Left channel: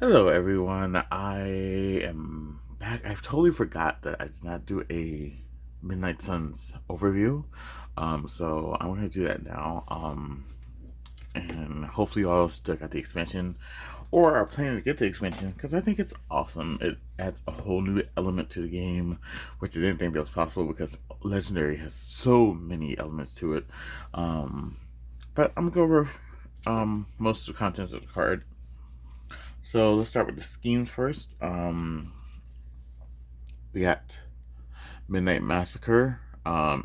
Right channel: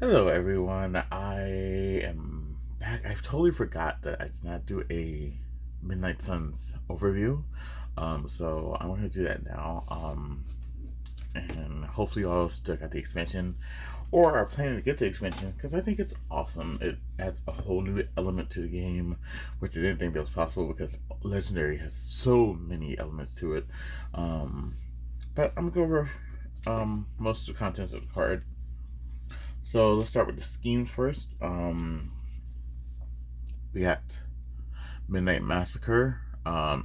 Hello, everyone. I am back. I totally forgot that I did not do a Midnight Suns overview. So I'm going to do that now. And hopefully, you all still got the expansion or are planning to get the expansion because I think it's awesome. It adds a whole new element to the game, which I didn't think that was possible because Legendary has so many elements to it. But I'm going to go over most of the contents of the card. So let's start with the schemes first. We got Midnight Massacre.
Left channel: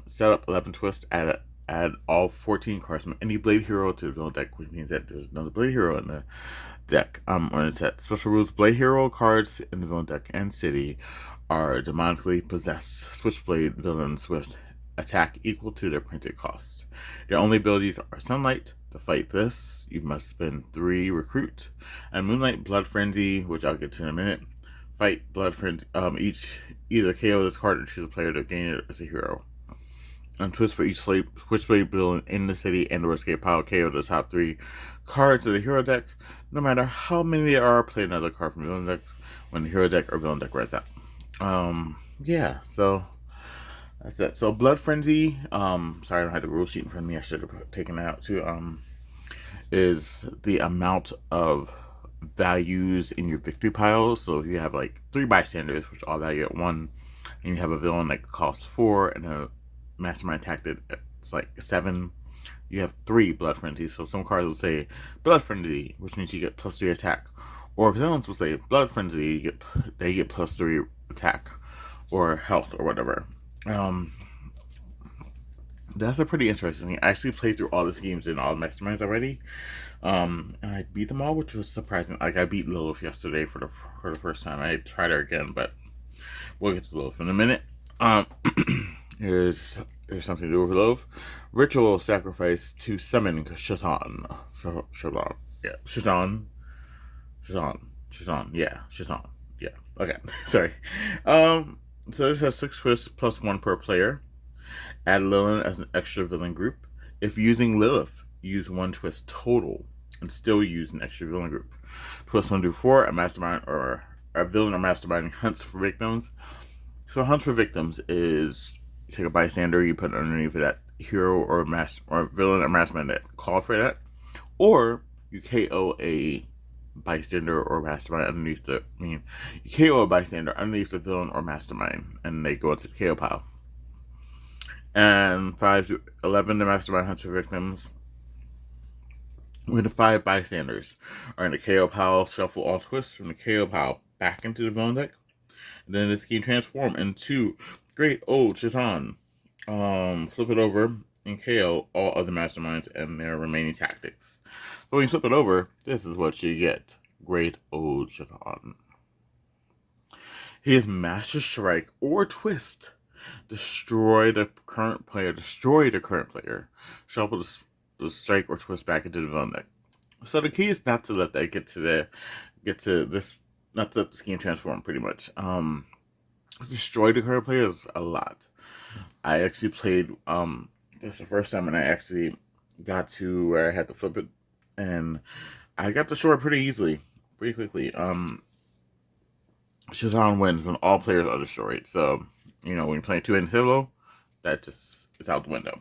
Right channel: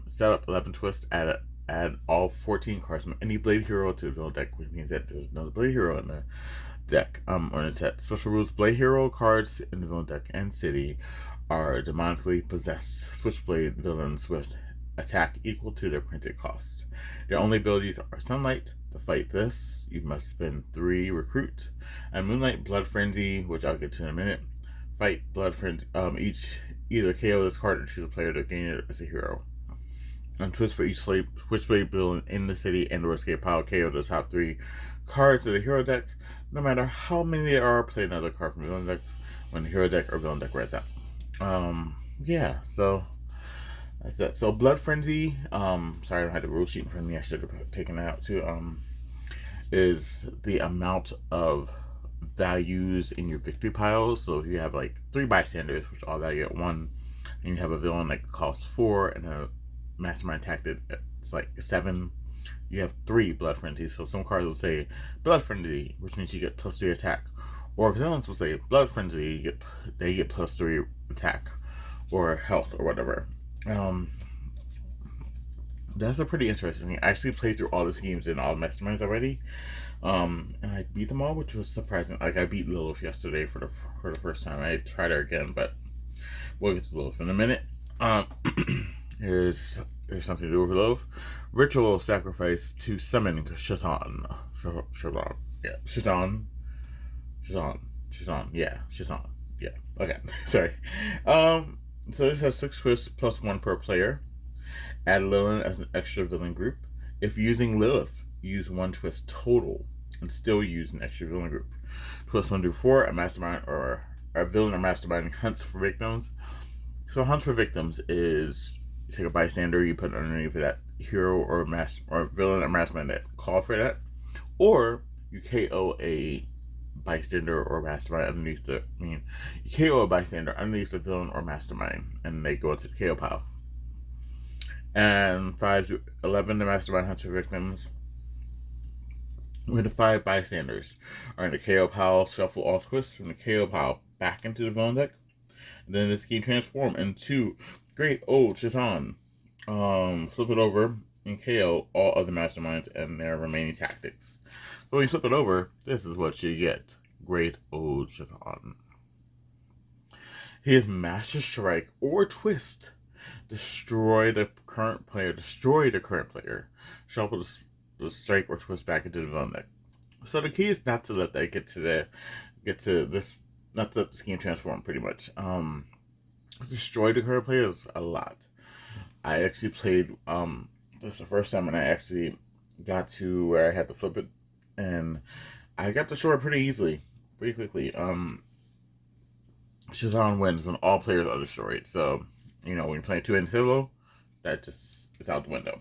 Set up 11 twists. Add all 14 cards from any Blade Hero to the villain deck, which means that there's another Blade Hero in the deck. Or in the set. Special rules: Blade Hero cards in the villain deck and city are demonically possessed Switchblade villains with attack equal to their printed cost. Their only abilities are Sunlight. To fight this, you must spend 3 recruit, and Moonlight Blood Frenzy, which I'll get to in a minute. Fight Blood Frenzy. Each either KO this card or choose a player to gain it as a hero. And twist for each Switchblade villain in the city and or escape pile KO the top 3 cards of the hero deck. No matter how many there are, play another card from the villain deck when the hero deck or villain deck runs out. Yeah, so that's it. So Blood Frenzy, sorry I don't have the rule sheet in front of me, I should have taken that out too. Is the amount of values in your victory pile. So if you have like 3 bystanders, which all value at 1, and you have a villain that costs 4 and a mastermind tactic it's like 7, you have 3 blood frenzies. So some cards will say blood frenzy, which means you get +3 attack. Or villains will say blood frenzy, they get +3 attack or health or whatever. That's a pretty interesting thing. I actually played through all the schemes and all the masterminds already, and I beat them all, which was surprising. Like I beat Lilith yesterday for the first time. I tried her again, but we'll get to Lilith in a minute. Here's something to do with Lilith. Ritual sacrifice to summon Shaitan. Shaitan. Yeah. Shaitan. Shaitan. Shaitan. Yeah. Shaitan. Yeah. Okay. Sorry. So this has 6 twists +1 per player. Add Lilith as an extra villain group. If using Lilith, use 1 twist total and still use an extra villain group. Twist 1 through 4, a mastermind or a villain or mastermind hunts for victims. So hunts for victims is you take a bystander, you put it underneath that hero or villain or mastermind that call for that, or you KO a bystander or mastermind underneath you KO a bystander underneath the villain or mastermind, and they go into the KO pile. And 5 to 11, the mastermind hunts for victims. With the 5 bystanders are in the KO pile, shuffle all twists from the KO pile back into the villain deck. And then this can transform into Great Old Shaitan. Flip it over and KO all other masterminds and their remaining tactics. So when you flip it over, this is what you get. Great Old Shaitan. His Master Strike or Twist. Destroy the current player. Shuffle the strike or twist back into the villain deck. So the key is not to let that get to this, not to let the scheme transform. Pretty much, destroy the current player is a lot. I actually played this is the first time, and I actually got to where I had to flip it, and I got destroyed pretty easily, pretty quickly. Shaitan wins when all players are destroyed. So when you're playing 2-handed solo, that just is out the window.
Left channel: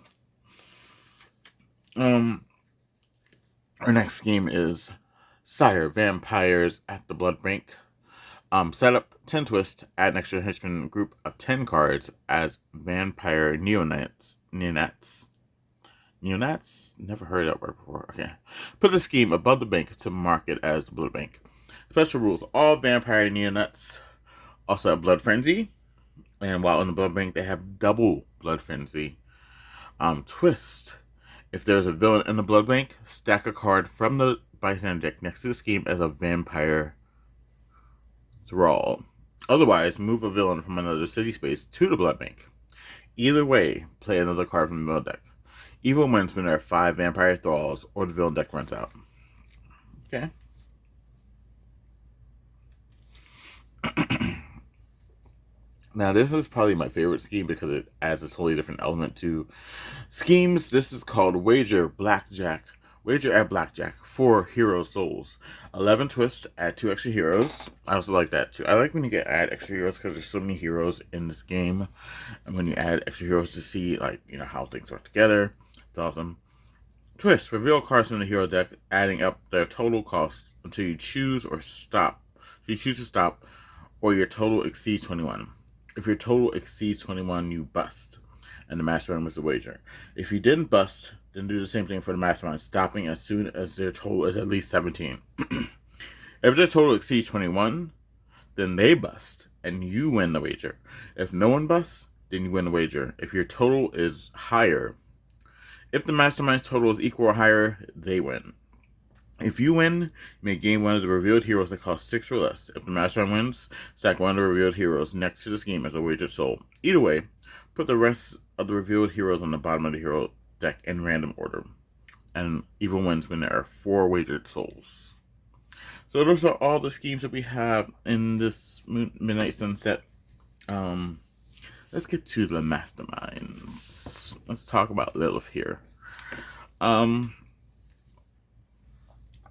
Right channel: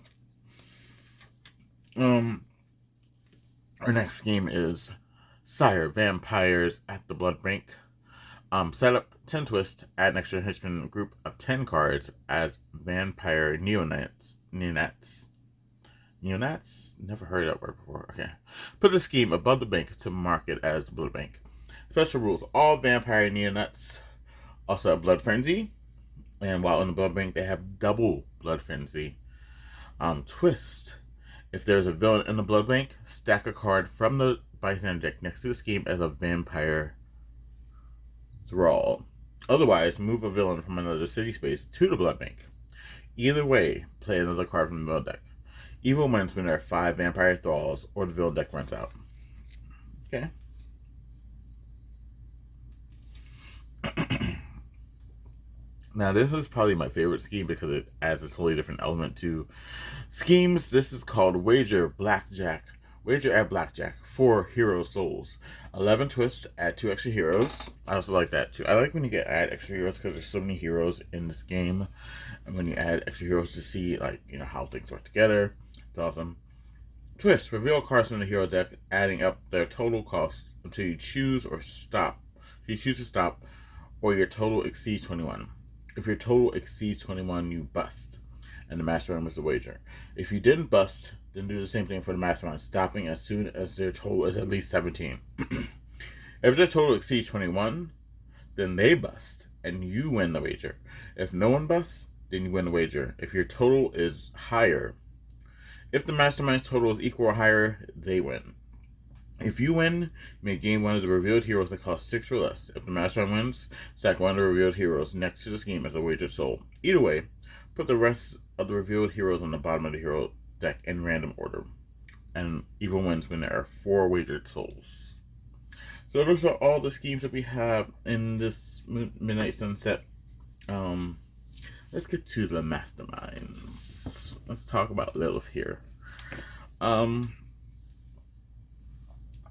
Our next game is Sire Vampires at the Blood Bank. Set up 10 twist, add an extra henchman group of 10 cards as vampire neonats. Neonats? Never heard that word before. Okay. Put the scheme above the bank to mark it as the Blood Bank. Special rules: all vampire neonats also have Blood Frenzy. And while in the Blood Bank, they have double Blood Frenzy. Twist: if there's a villain in the Blood Bank, stack a card from the bystander deck next to the scheme as a vampire thrall. Otherwise, move a villain from another city space to the Blood Bank. Either way, play another card from the villain deck. Evil wins when there are 5 vampire thralls or the villain deck runs out. Okay. Now, this is probably my favorite scheme because it adds a totally different element to schemes. This is called Wager Blackjack Wager at Blackjack. 4 hero souls. 11 twists, add 2 extra heroes. I also like that too. I like when you get add extra heroes because there's so many heroes in this game. And when you add extra heroes to see, like, how things work together, it's awesome. Twist. Reveal cards from the hero deck, adding up their total cost until you choose or stop. You choose to stop, or your total exceeds 21. If your total exceeds 21, you bust, and the mastermind was the wager. If you didn't bust, then do the same thing for the mastermind, stopping as soon as their total is at least 17. If their total exceeds 21, then they bust, and you win the wager. If no one busts, then you win the wager. If your total is higher, if the mastermind's total is equal or higher, they win. If you win, you may gain one of the revealed heroes that cost 6 or less. If the mastermind wins, stack one of the revealed heroes next to the scheme as a wagered soul. Either way, put the rest of the revealed heroes on the bottom of the hero deck in random order. And evil wins when there are 4 wagered souls. So those are all the schemes that we have in this Midnight Sunset. Let's get to the masterminds. Let's talk about Lilith here.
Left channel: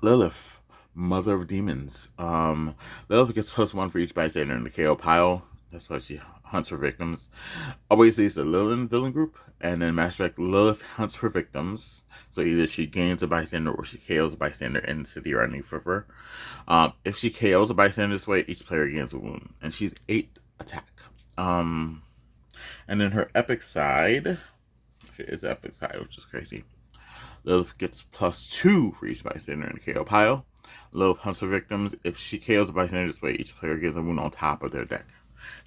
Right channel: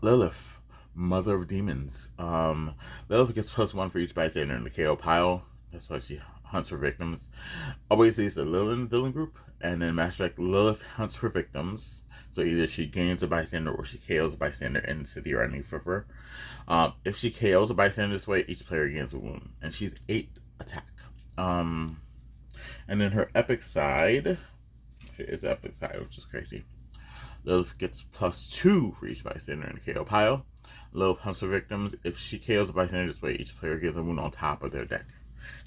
Lilith, Mother of Demons. Lilith gets +1 for each bystander in the KO pile. That's why she hunts for victims. Always leads the Lilith villain group. And then Master Deck, Lilith hunts for victims. So either she gains a bystander or she KOs a bystander in City or New River. If she KOs a bystander this way, each player gains a wound. And she's 8 attack. And then her epic side, she is epic side, which is crazy. Lilith gets +2 for each bystander in the KO pile. Lilith hunts for victims. If she KOs a bystander this way, each player gets a wound on top of their deck.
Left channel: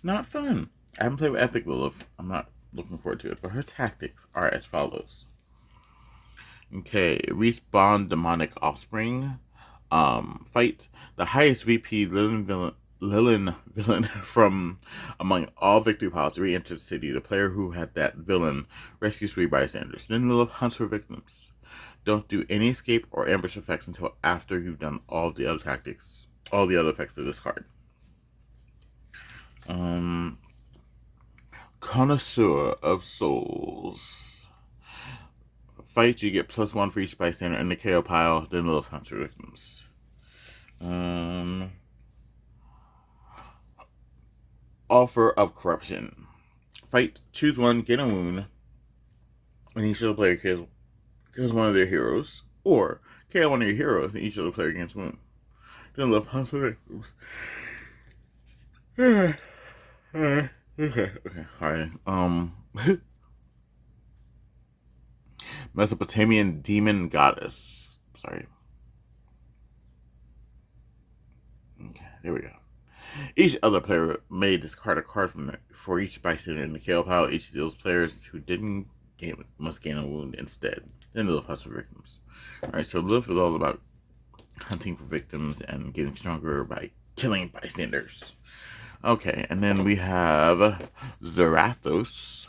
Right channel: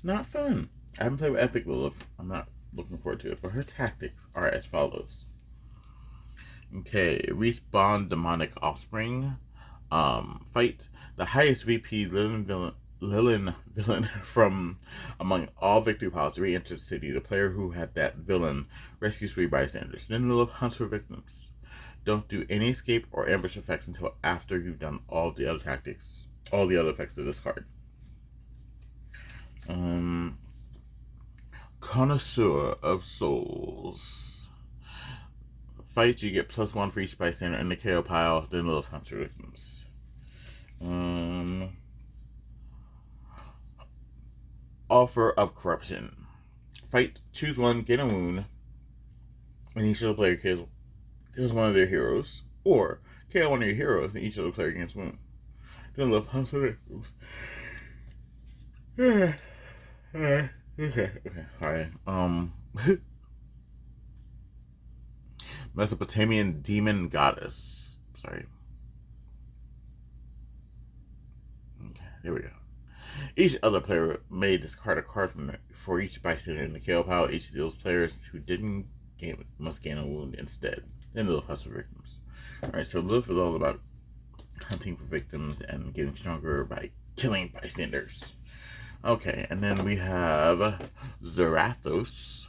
Not fun. I haven't played with Epic Lilith. I'm not looking forward to it, but her tactics are as follows. Okay, Respawn Demonic Offspring. Fight. The highest VP Lilin villain from among all victory piles re-enters the city. The player who had that villain rescues 3 bystanders. Then Lilith hunts for victims. Don't do any escape or ambush effects until after you've done all the other tactics, all the other effects of this card. Connoisseur of Souls. Fight, you get +1 for each bystander in the KO pile, then Lilith hunts for victims. Offer of Corruption. Fight, choose one, get a wound, and each of the player kills one of their heroes, or KO one of your heroes, and each of the player gains a wound. Then Lilith hunts for victims. Okay, alright. Mesopotamian Demon Goddess. Sorry. Okay, there we go. Each other player may discard a card for each bystander in the KO pile. Each of those players who didn't gain must gain a wound instead. Then Lilith hunts for victims. Alright, so Lilith is all about hunting for victims and getting stronger by killing bystanders. Okay, and then we have Zarathos.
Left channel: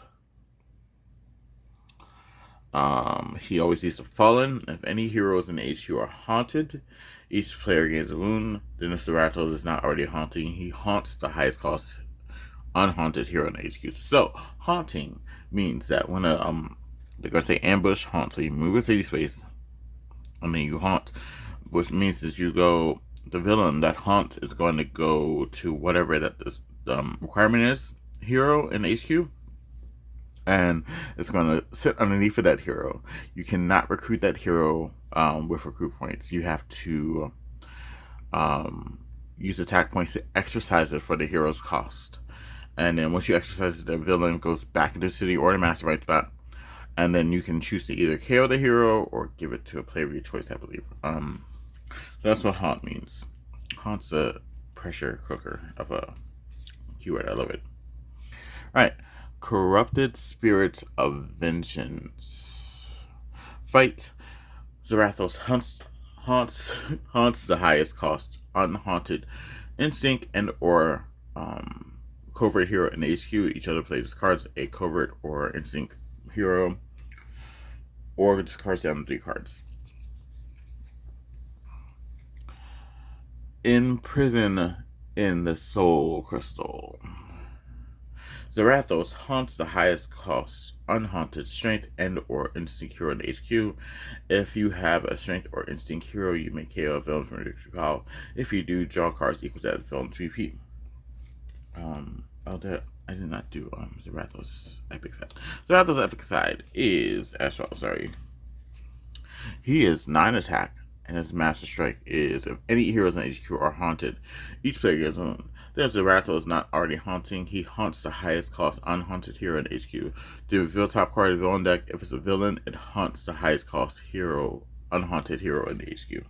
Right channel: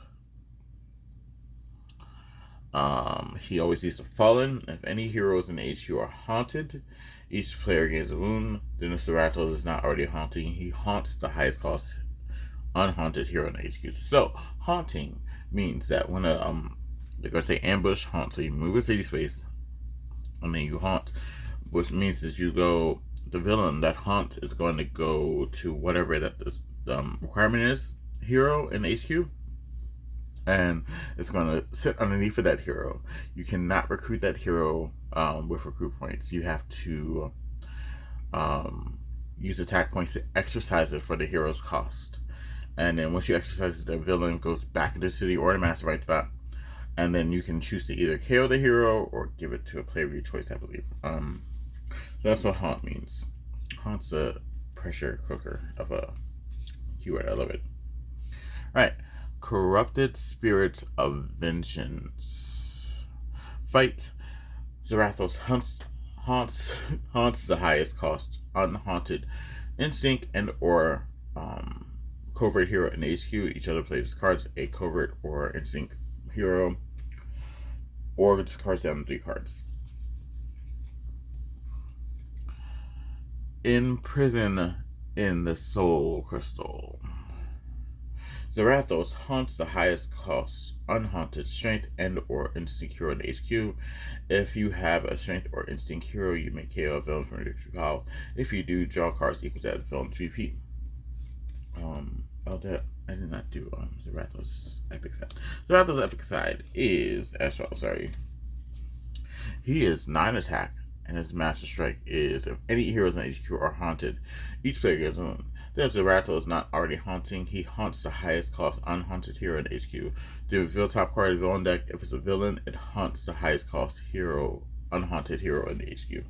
He always needs to fallen. If any heroes in the HQ are haunted, each player gains a wound. Then if Zarathos is not already haunting, he haunts the highest cost unhaunted hero in the HQ. So, haunting means that when they're gonna say ambush, haunt. So you move a city space, and then you haunt, which means that you go, the villain that haunts is going to go to whatever that this requirement is, hero in HQ, and it's going to sit underneath of that hero. You cannot recruit that hero with recruit points. You have to use attack points to exercise it for the hero's cost. And then once you exercise it, the villain goes back into the city or the mastermind spot. And then you can choose to either KO the hero or give it to a player of your choice, I believe. So that's what haunt means. Haunt's a pressure cooker of a keyword. I love it. Alright. Corrupted Spirits of Vengeance. Fight. Zarathos haunts the highest cost unhaunted instinct and or covert hero in HQ. Each other player discards a covert or instinct hero or discards down 3 cards. Imprison in the Soul Crystal. Zarathos haunts the highest cost unhaunted strength and or instinct hero in the HQ. If you have a strength or instinct hero, you may KO a villain from your victory pile. If you do, draw cards equal to that villain's VP. I did not do Zarathos epic side. Zarathos epic side is as well. Sorry, he is 9 attack, and his master strike is if any heroes in HQ are haunted, each player gets one. If Zerathos is not already haunting, he haunts the highest cost unhaunted hero in HQ. The reveal top card of the villain deck. If it's a villain, it haunts the highest cost hero, unhaunted hero in the HQ.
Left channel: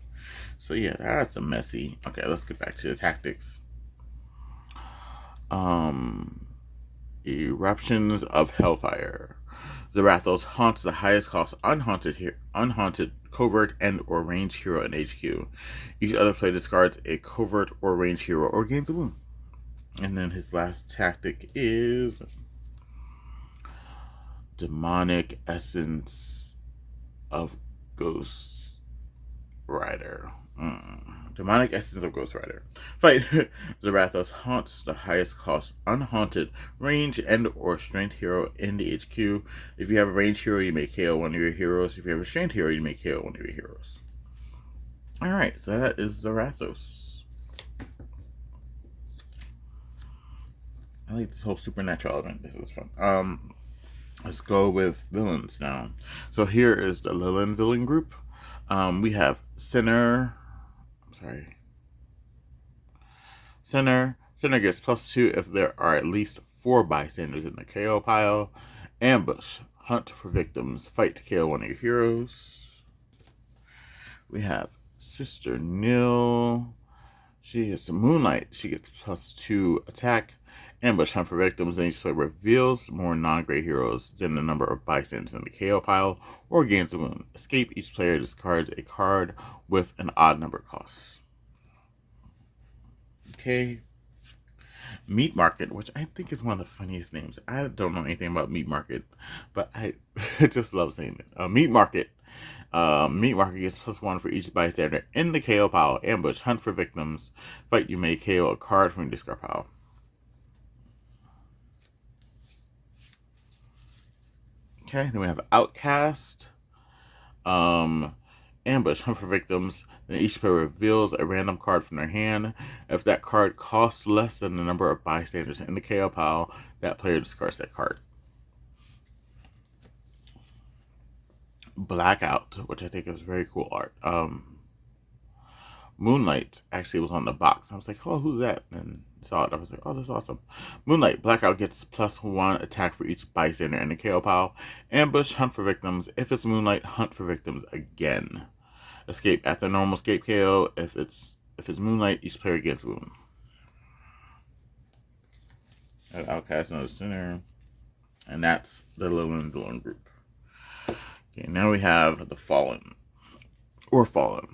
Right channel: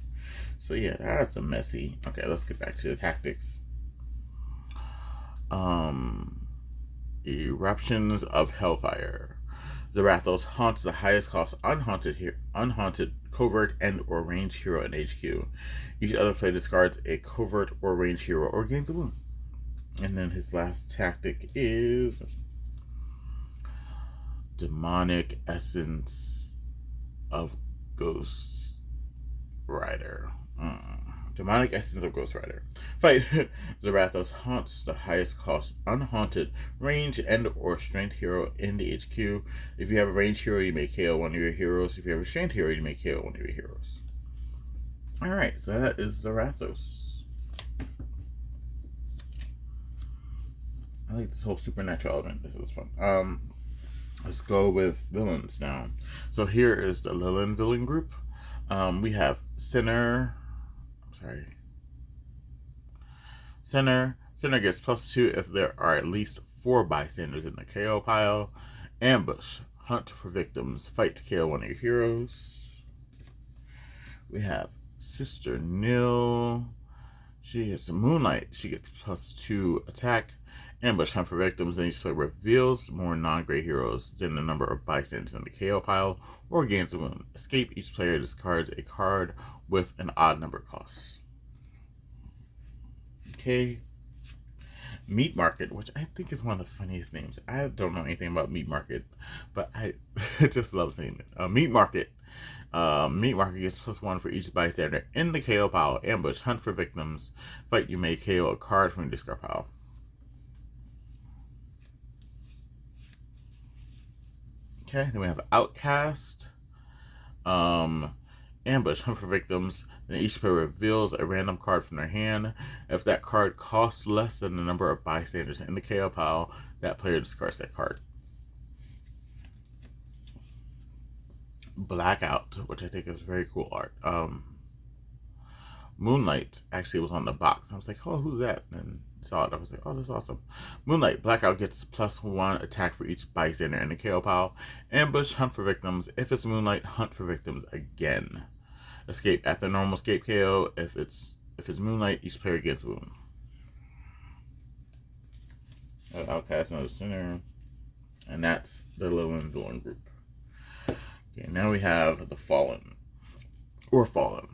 So yeah, that's a messy. Okay, let's get back to the tactics. Eruptions of Hellfire. Zarathos haunts the highest cost unhaunted covert and or ranged hero in HQ. Each other player discards a covert or ranged hero or gains a wound. And then his last tactic is Demonic Essence of Ghost Rider. Demonic Essence of Ghost Rider. Fight. Zarathos haunts the highest cost unhaunted range and or strength hero in the HQ. If you have a ranged hero, you may KO one of your heroes. If you have a strength hero, you may KO one of your heroes. Alright, so that is Zarathos. I like this whole supernatural element. This is fun. Let's go with villains now. So here is the Lilin villain group. We have Sinner. Sinner gets +2 if there are at least 4 bystanders in the KO pile. Ambush. Hunt for victims. Fight to KO one of your heroes. We have Sister Nil. She is a Moonlight. She gets +2 attack. Ambush, hunt for victims, and each player reveals more non-gray heroes than the number of bystanders in the KO pile, or gains a wound. Escape, each player discards a card with an odd number cost. Okay. Meat Market, which I think is one of the funniest names. I don't know anything about Meat Market, but I just love saying it. Meat Market. Meat Market gets +1 for each bystander in the KO pile. Ambush, hunt for victims. Fight, you may KO a card from your discard pile. Okay, then we have Outcast. Ambush, hunt for victims. Then each player reveals a random card from their hand. If that card costs less than the number of bystanders in the KO pile, that player discards that card. Blackout, which I think is very cool art. Moonlight actually was on the box. I was like, oh, who's that? And saw it. I was like, oh, that's awesome. Moonlight. Blackout gets +1 attack for each bystander in the KO pile. Ambush, hunt for victims. If it's Moonlight, hunt for victims again. Escape after normal escape KO. If it's Moonlight, each player gets wound. Outcast, another Sinner. And that's the Lilin villain group. Okay, now we have the Fallen. Fallen.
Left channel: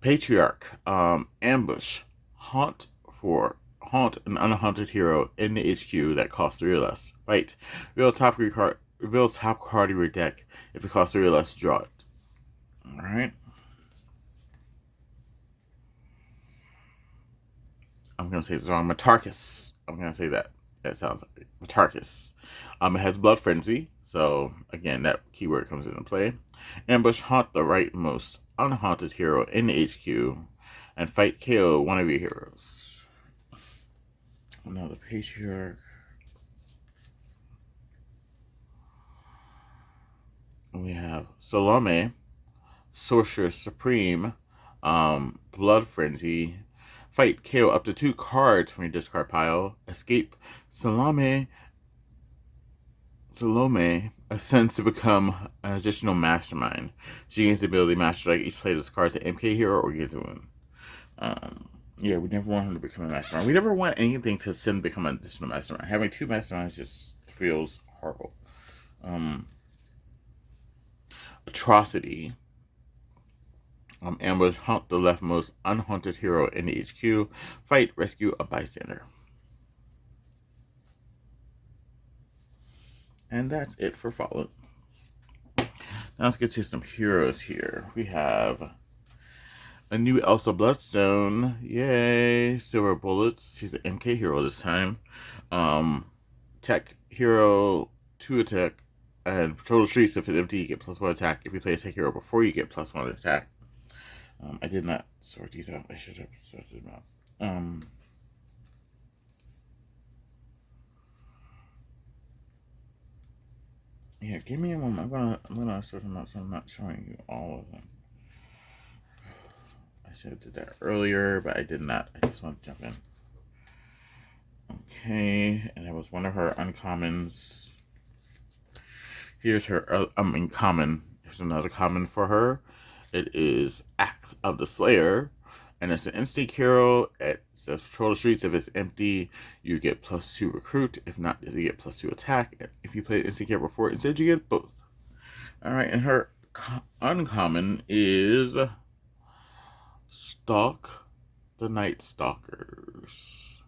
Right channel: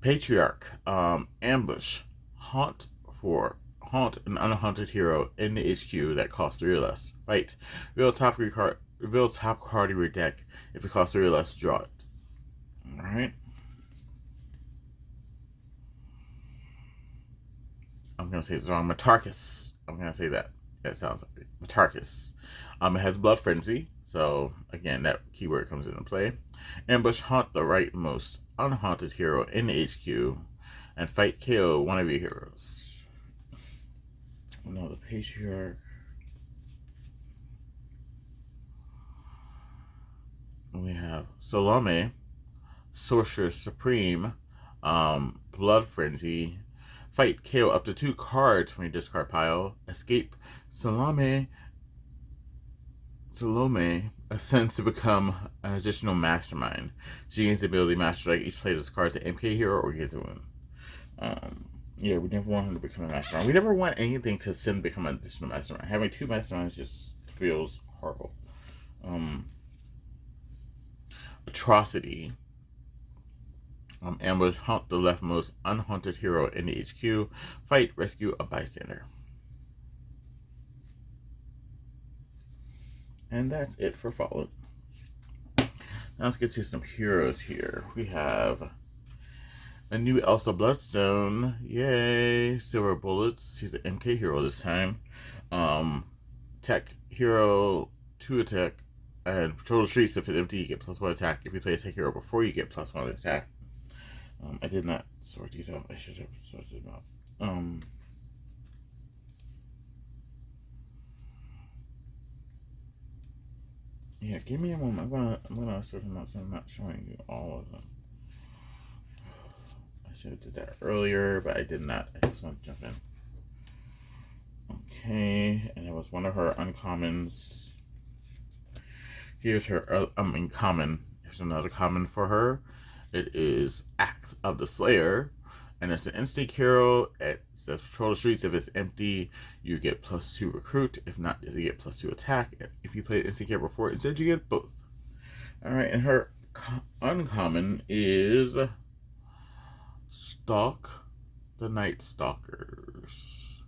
Patriarch. Ambush. Haunt an unhaunted hero in the HQ that costs 3 or less. Fight. Reveal top card of your deck. If it costs 3 or less, draw it. Alright. I'm gonna say it's wrong. Matarkus. I'm gonna say that. That sounds like Matarkus. It has Blood Frenzy, so again, that keyword comes into play. Ambush, haunt the rightmost unhaunted hero in the HQ, and fight KO one of your heroes. Now the Patriarch. We have Salome, Sorceress Supreme, Blood Frenzy. Fight KO up to 2 cards from your discard pile. Escape. Salome ascends to become an additional mastermind. She gains the ability Master Strike. Each player discards an MK hero or gains a win. Yeah, we never want him to become a mastermind. We never want anything to ascend to become an additional mastermind. Having 2 masterminds just feels horrible. Atrocity. Ambush, hunt the leftmost unhaunted hero in the HQ. Fight, rescue a bystander. And that's it for Fallen. Now let's get to some heroes here. We have A new Elsa Bloodstone. Yay. Silver Bullets. She's the MK hero this time. Tech hero, 2 attack. And patrol the streets. If it's empty, you get +1 attack. If you play a tech hero before, you get +1 attack. I did not sort these out. I should have sorted them out. Yeah, give me a moment. I'm gonna sort them out so I'm not showing you all of them. I should have did that earlier, but I did not. I just want to jump in. Okay, and it was one of her uncommons. Here's her common. Here's another common for her. It is Axe of the Slayer, and it's an instinct hero. It says patrol the streets. If it's empty, you get +2 recruit. If not, you get +2 attack. If you played instinct hero before, instead you get both. All right, and her uncommon is Stalk the Night Stalkers,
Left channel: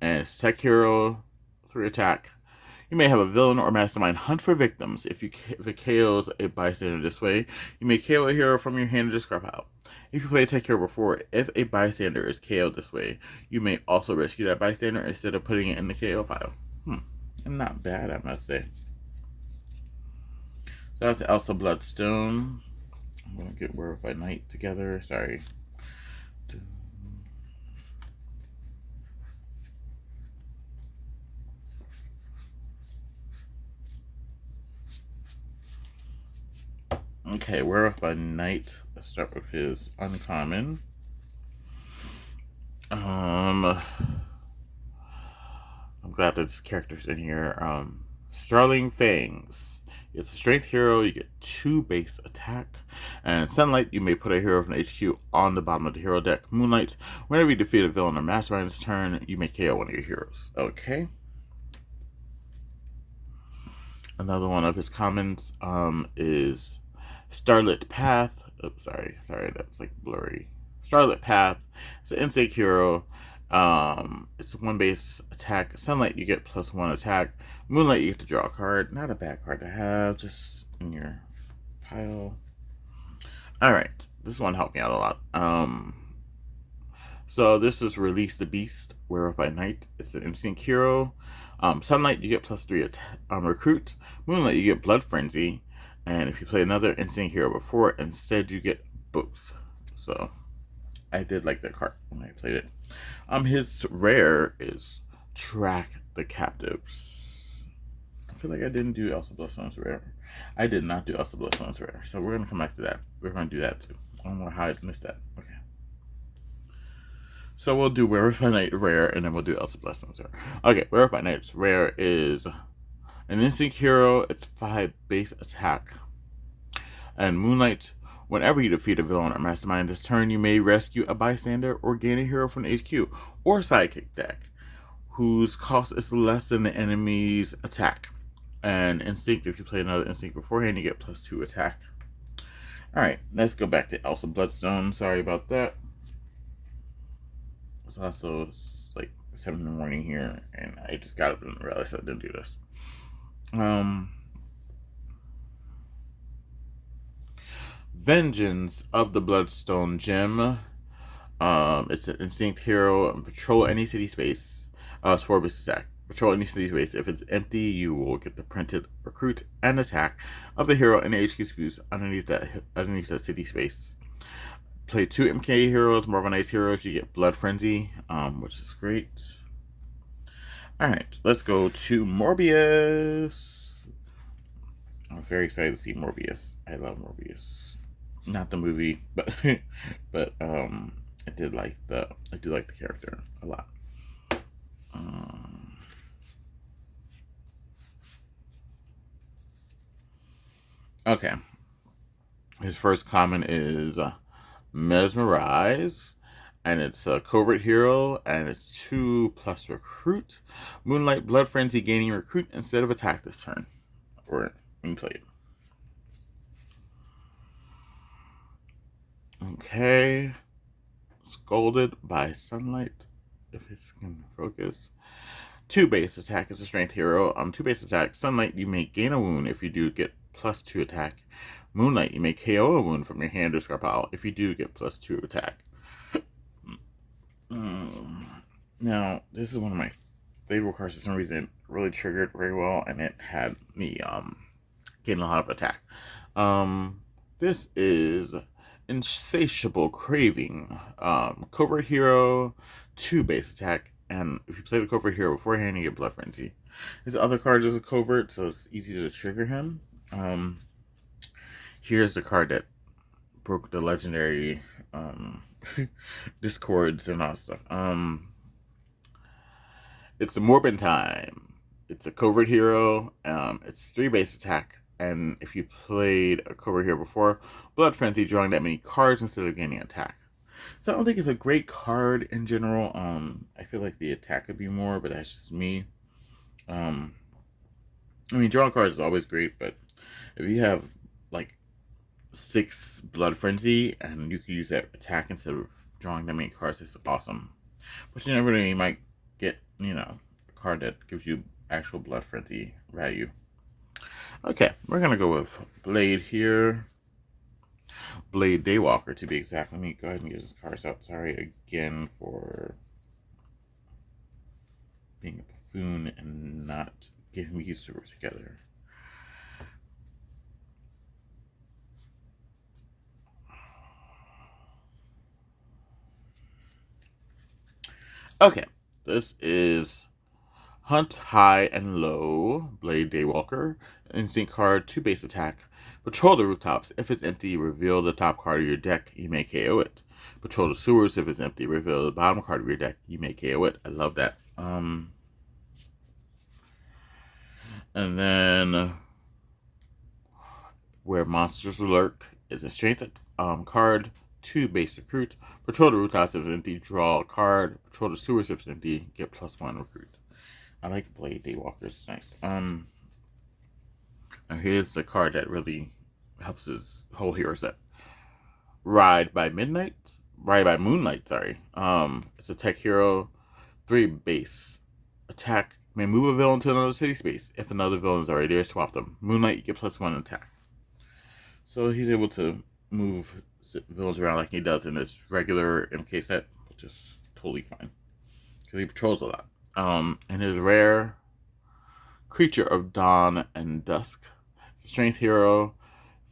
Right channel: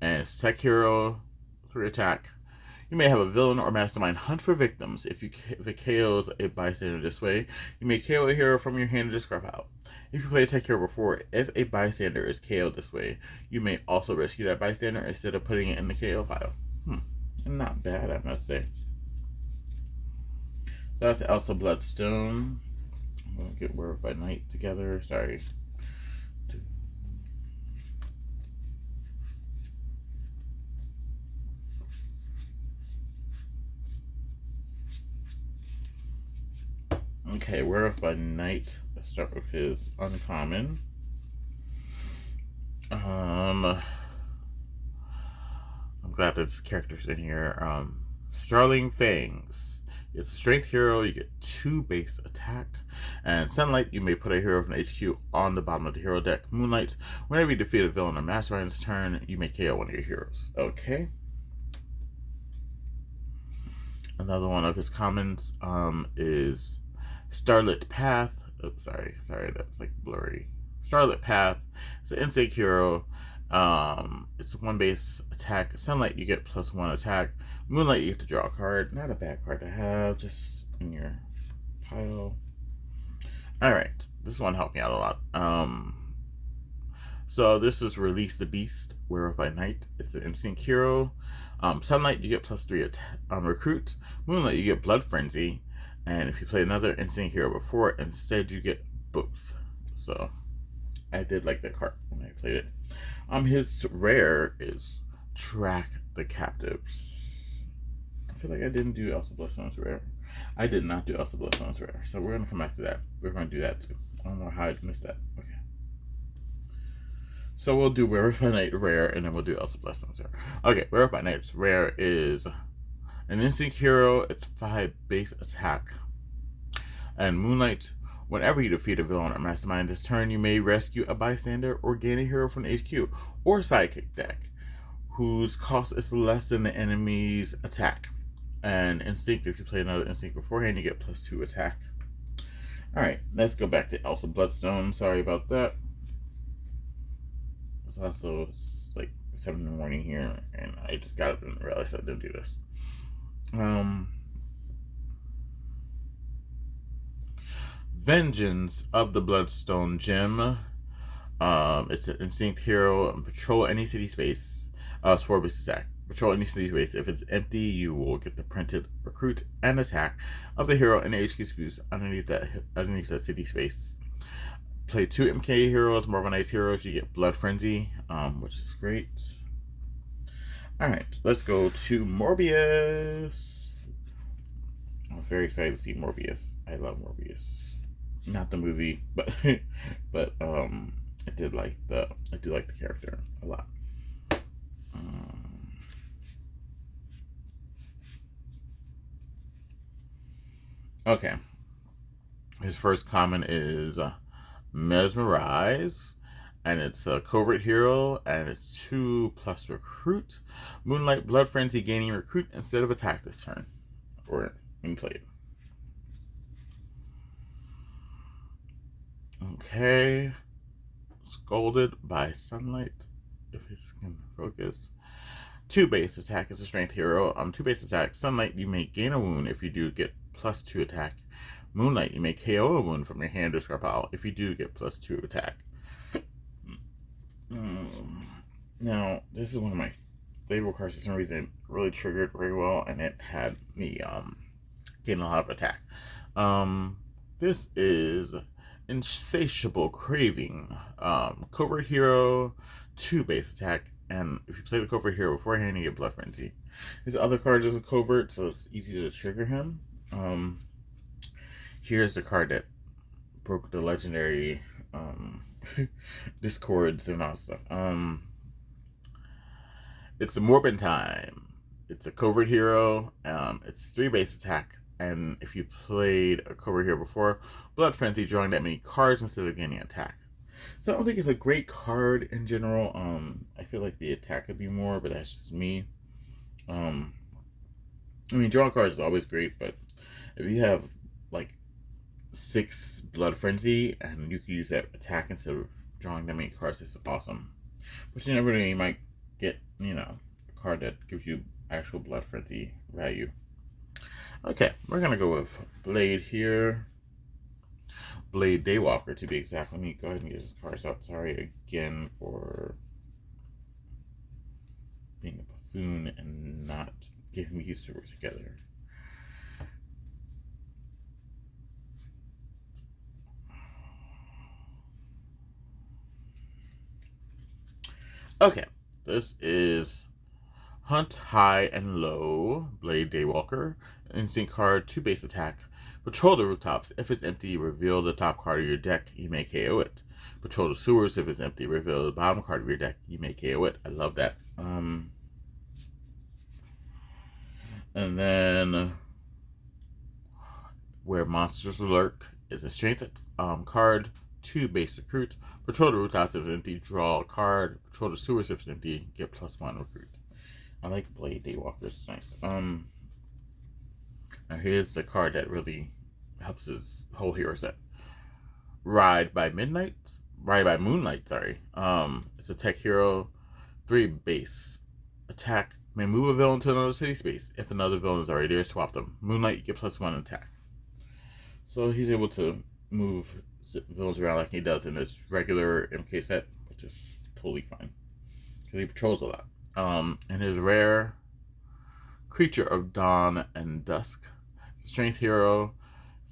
and it's tech hero, 3 attack. You may have a villain or mastermind hunt for victims. If it KOs a bystander this way, you may KO a hero from your hand and discard out. If you play a tech hero before, if a bystander is KO'd this way, you may also rescue that bystander instead of putting it in the KO pile. Not bad, I must say. So that's Elsa Bloodstone. I'm going to get Werewolf by Night together. Sorry. Okay, Werewolf by Night. Let's start with his uncommon. I'm glad that this character's in here. Starling Fangs. It's a strength hero. You get 2 base attack. And Sunlight, you may put a hero from HQ on the bottom of the hero deck. Moonlight, whenever you defeat a villain or mastermind's turn, you may KO one of your heroes. Okay. Another one of his commons is Starlit Path. Oops, sorry, that's like blurry. Starlit Path. It's an insect hero. It's 1 base attack. Sunlight, you get +1 attack. Moonlight, you get to draw a card. Not a bad card to have, just in your pile. Alright, this one helped me out a lot. So this is Release the Beast, Werewolf by Night. It's an instinct hero. Sunlight, you get +3 recruit. Moonlight, you get Blood Frenzy. And if you play another instinct hero before, instead you get both. So I did like that card when I played it. His rare is Track the Captives. I feel like I didn't do Elsa Bloodstone's rare. I did not do Elsa Bloodstone's rare. So we're going to come back to that. We're going to do that too. I don't know how I missed that. Okay. So we'll do Werewolf by Night rare, and then we'll do Elsa Bloodstone's rare. Okay, Werewolf by Night's rare is an instinct hero. It's 5 base attack. And Moonlight, whenever you defeat a villain or mastermind this turn, you may rescue a bystander or gain a hero from the HQ or sidekick deck whose cost is less than the enemy's attack. And instinct, if you play another instinct beforehand, you get +2 attack. Alright, let's go back to Elsa Bloodstone. Sorry about that. It's also like 7 in the morning here, and I just got up and realized I didn't do this. Vengeance of the Bloodstone Gem. It's an instinct hero. Patrol any city space. It's 4 base attack. Patrol any city space. If it's empty, you will get the printed recruit and attack of the hero and the HQ space underneath that city space. Play 2 MK heroes, Marvel Knights heroes. You get Blood Frenzy, which is great. Alright, let's go to Morbius. I'm very excited to see Morbius. I love Morbius. Not the movie, but I do like the character a lot. Okay. His first common is Mesmerize, and it's a covert hero, and it's 2+ recruit. Moonlight, Blood Frenzy, gaining recruit instead of attack this turn, or when played. Okay. Scolded by Sunlight, if it's going to focus. 2 base attack is a strength hero. 2 base attack. Sunlight, you may gain a wound. If you do, get +2 attack. Moonlight, you may KO a wound from your hand or discard pile. If you do, get +2 attack. Now, this is one of my favorite cards for some reason. It really triggered very well, and it had me getting a lot of attack. This is Insatiable Craving. Covert Hero, 2 base attack, and if you play the Covert Hero beforehand, you get Blood Frenzy. His other card is a Covert, so it's easy to trigger him. Here's the card that broke the legendary discords and all stuff. It's a Morbin Time. It's a Covert Hero. It's 3 base attack, and if you played a Covert Hero before, Blood Frenzy, drawing that many cards instead of gaining attack. So I don't think it's a great card in general. I feel like the attack could be more, but that's just me. I mean, drawing cards is always great, but if you have like 6 Blood Frenzy and you can use that attack instead of drawing that many cards, it's awesome. But you never know, you might get, a card that gives you actual Blood Frenzy value. Okay, we're gonna go with Blade here. Blade Daywalker, to be exact. Let me go ahead and get this card out. Sorry again for being a buffoon and not getting me used to work together. Okay, this is Hunt High and Low, Blade Daywalker. Instinct card, 2 base attack. Patrol the rooftops. If it's empty, reveal the top card of your deck. You may KO it. Patrol the sewers. If it's empty, reveal the bottom card of your deck. You may KO it. I love that. And then Where Monsters Lurk is a strength card, 2 base recruit. Patrol the rooftops. If it's empty, draw a card. Patrol the sewers. If it's empty, get +1 recruit. I like Blade Daywalker. It's nice. Now here's the card that really helps his whole hero set. Ride by Moonlight, sorry. It's a tech hero, 3 base. Attack, may move a villain to another city space. If another villain is already there, swap them. Moonlight, you get +1 attack. So he's able to move villains around like he does in this regular MK set, which is totally fine. Because he patrols a lot. And his rare Creature of Dawn and Dusk. Strength hero,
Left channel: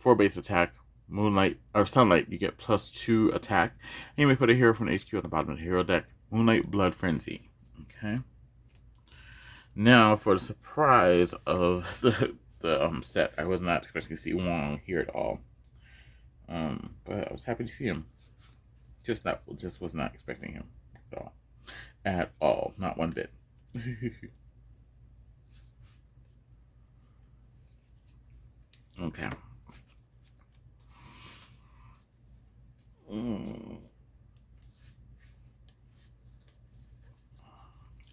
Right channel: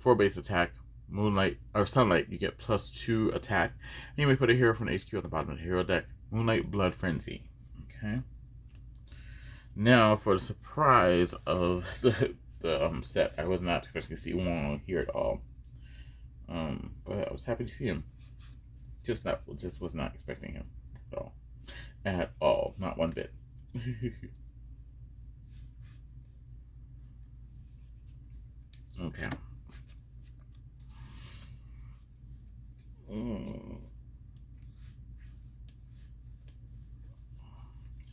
4 base attack. Moonlight or Sunlight, you get +2 attack. And you may put a hero from HQ on the bottom of the hero deck. Moonlight Blood Frenzy. Okay. Now for the surprise of the set, I was not expecting to see Wong here at all. But I was happy to see him. Just was not expecting him at all. At all, not one bit. Okay.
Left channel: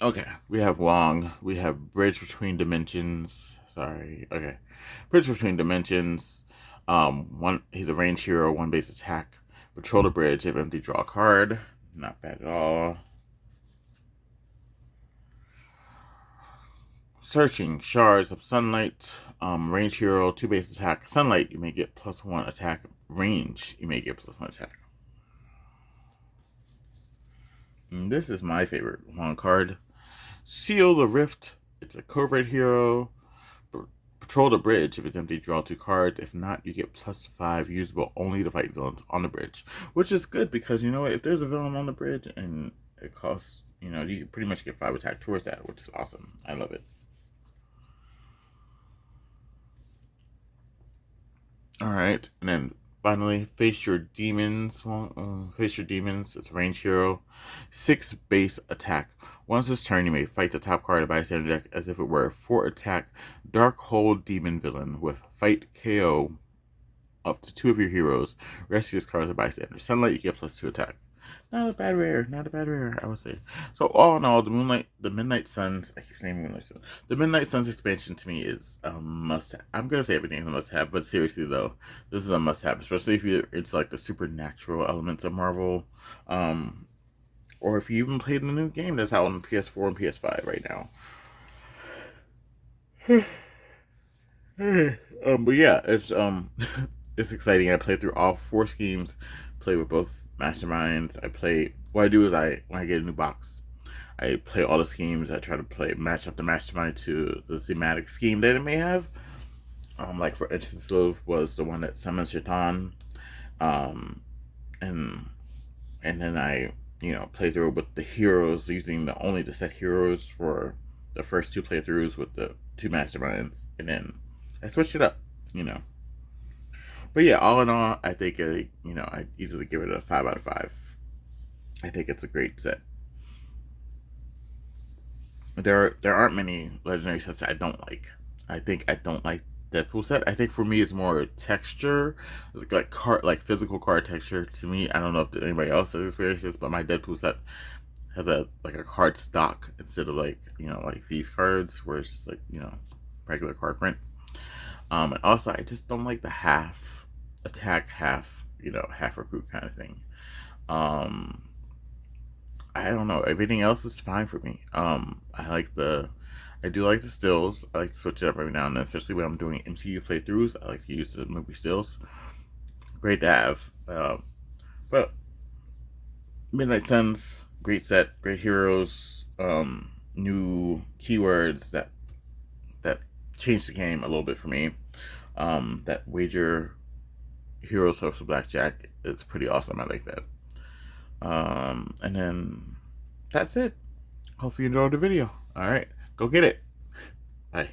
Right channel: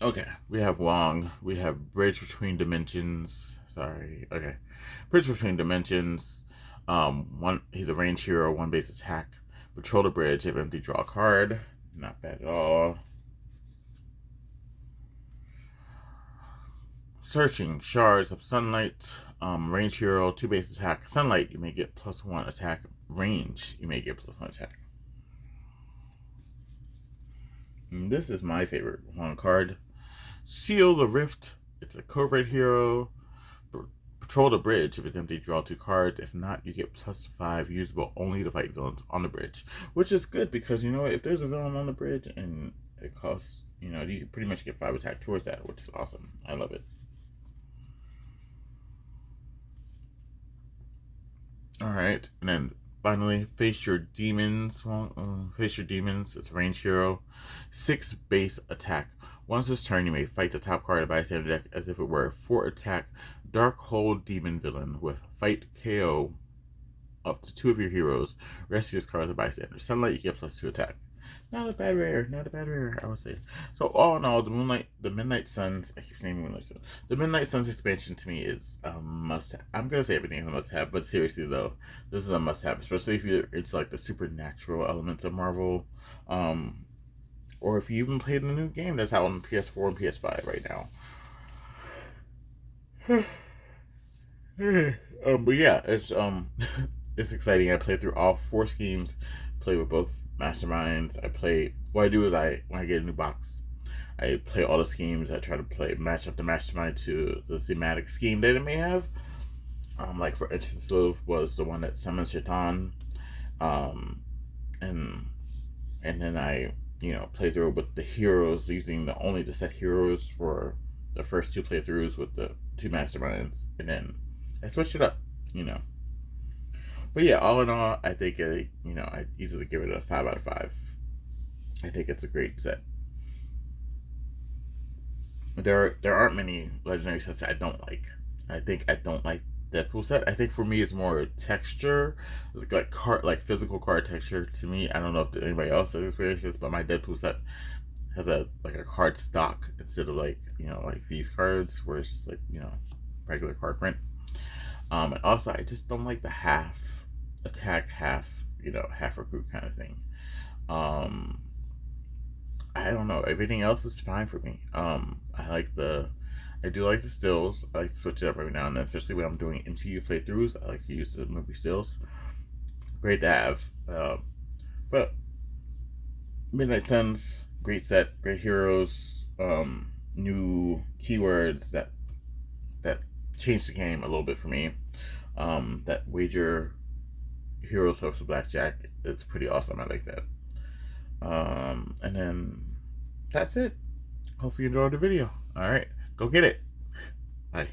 Okay, we have Wong. We have Bridge Between Dimensions. Sorry. Okay. Bridge Between Dimensions. He's a range hero, 1 base attack. Patrol the bridge. If empty, draw a card. Not bad at all. Searching Shards of Sunlight. Range hero, 2 base attack. Sunlight, you may get +1 attack. Range, you may get +1 attack. And this is my favorite one card. Seal the Rift. It's a covert hero. Patrol the bridge. If it's empty, draw 2 cards. If not, you get +5, usable only to fight villains on the bridge. Which is good because, if there's a villain on the bridge and it costs, you can pretty much get 5 attack towards that, which is awesome. I love it. Alright, and then finally, Face Your Demons. Face Your Demons. It's a range hero. 6 base attack. Once this turn, you may fight the top card of bystander deck as if it were a 4 attack Darkhold Demon villain with fight KO up to 2 of your heroes. Rescue this card as a bystander. Sunlight, you get +2 attack. Not a bad rare, I would say. So all in all, the Midnight Suns, I keep saying Moonlight Suns. The Midnight Suns expansion to me is a must-have. I'm gonna say everything is a must-have, but seriously though, this is a must-have, especially if it's like the supernatural elements of Marvel, or if you even played the new game that's out on PS4 and PS5 right now. But yeah, it's it's exciting. I play through all 4 schemes, play with both masterminds. What I do is when I get a new box, I play all the schemes. I try to match up the mastermind to the thematic scheme that it may have. Like for instance, Love was the one that summons Shaitan, um, and then I play through with the heroes, using the set heroes for the first 2 playthroughs with the 2 masterminds, and then I switched it up, you know. But yeah, all in all, I think I easily give it a 5 out of 5. I think it's a great set. There aren't many legendary sets that I don't like. I think I don't like Deadpool set. I think for me it's more texture, like physical card texture. To me, I don't know if anybody else has experienced this, but my Deadpool set has a card stock instead of like these cards where it's just regular card print. And also I just don't like the half attack, half recruit kind of thing. I don't know. Everything else is fine for me. I do like the stills. I like to switch it up every now and then, especially when I'm doing MCU playthroughs. I like to use the movie stills. Great to have. But Midnight Suns, great set, great heroes, new keywords that changed the game a little bit for me. That wager heroes hopes of blackjack, it's pretty awesome. I like that. And then that's it. Hopefully you enjoyed the video. All right, go get it. Bye.